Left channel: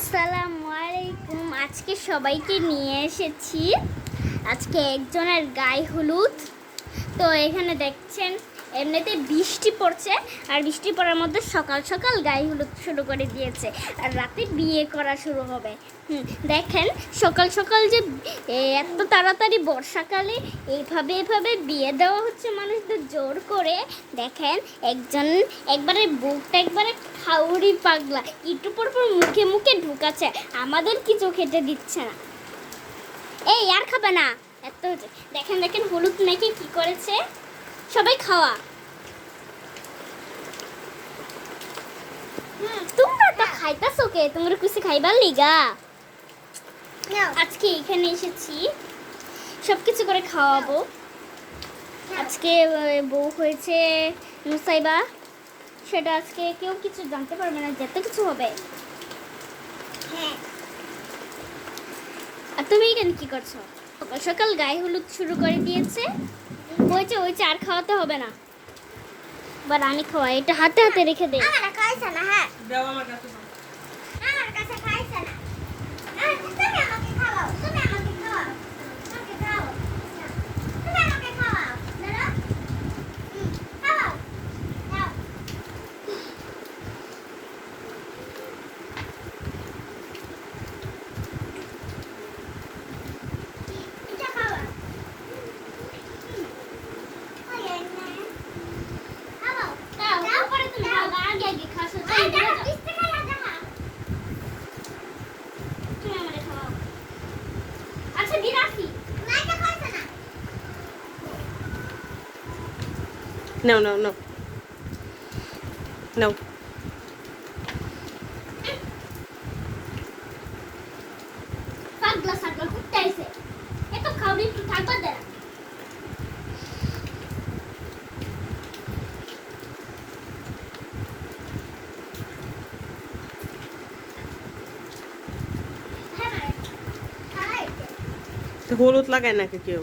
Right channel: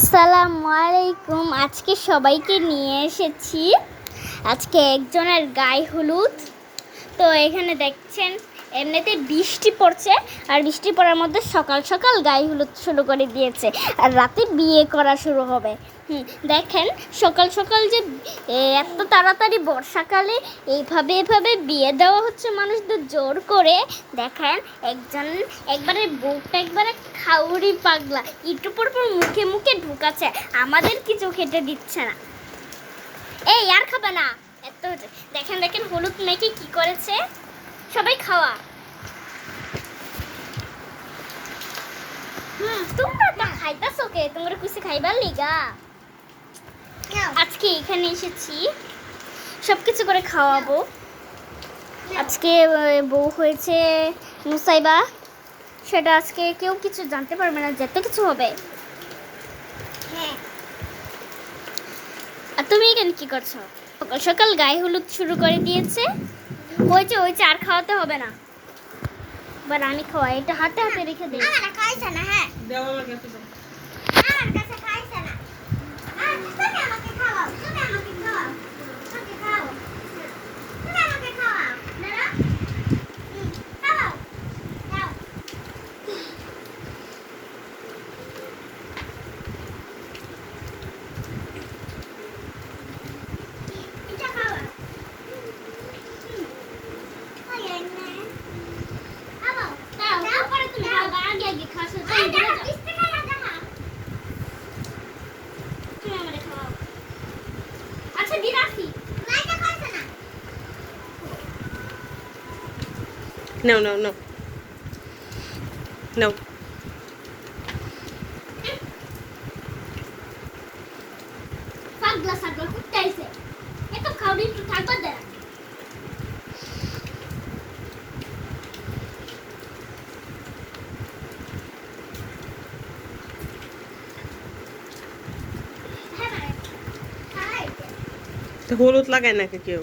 আসসালামু আলাইকুম। আজকে সবাইকে নিয়ে এসেছি আজকে একজনের গায়ে হলুদ। তো এখানে দেখছেন এমনিতে বৃষ্টি পড়ছে, আর বৃষ্টি পড়ার মধ্যে সকাল সকাল গায়ে হলুদ শুরু করে দিয়েছে, আর রাতে বিয়ে করা শুরু হবে। দেখেন সকাল সকাল যে এত তাড়াতাড়ি বর্ষাকালে এভাবে বিয়ে দেওয়া হচ্ছে মানুষদের জোর করে। দেখেন একজন একবারে বুকটা একবারে খাউরি পাগলা, একটু পর পর মুখে মুখে ঢুকাচ্ছে, আমাদের কিছু খেতে দিচ্ছে না। এই আর খাবে না এত। দেখেন দেখেন হলুদ মেখে কি করেছে, সবাই খাওয়া। তোমরা তো খাইতেছো কে? তোমরা কিছু খাইবার লিগা আজকে এখানে এসেছি, সবকিছু করে খাওয়াবো। আজকে বউ হয়েছে নুসাইবা, সেটা আজকে কেউ কিছু জানতে পারবে না, যত কিছু হবে। আর তুমি এখানে কি করছো? সকাল সকাল গায়ে হলুদ শুরু করে দিয়েছে। ওই আর খাওয়াতে হবে না, এবার আমি খাওয়াই। এটা হাতে হাতে রেখে দে। আমার খাইছে না। হ্যাঁ দাও, আমার কাছে দাও। আমার কাছে খাইছে না। তুমি আমাকে খাওয়াও, তুমি আমাকে খাওয়াও, আমাকে খাওয়াও, তুমি আমাকে খাওয়াও। দাঁড়া, খাওয়াও, খাও। এটা খাওয়া। No, no, no. No. Sagla sagla kuttaise. Eto খাবি একটু থাকবা দে। তো হলুদ লাগায় নাকি কেউ?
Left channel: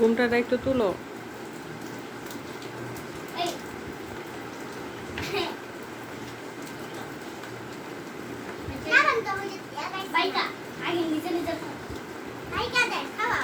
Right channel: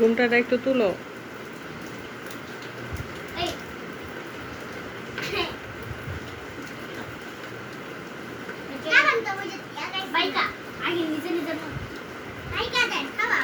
ঘুমটাটা একটু তুলো। আগে নিজে নিজে খাওয়া।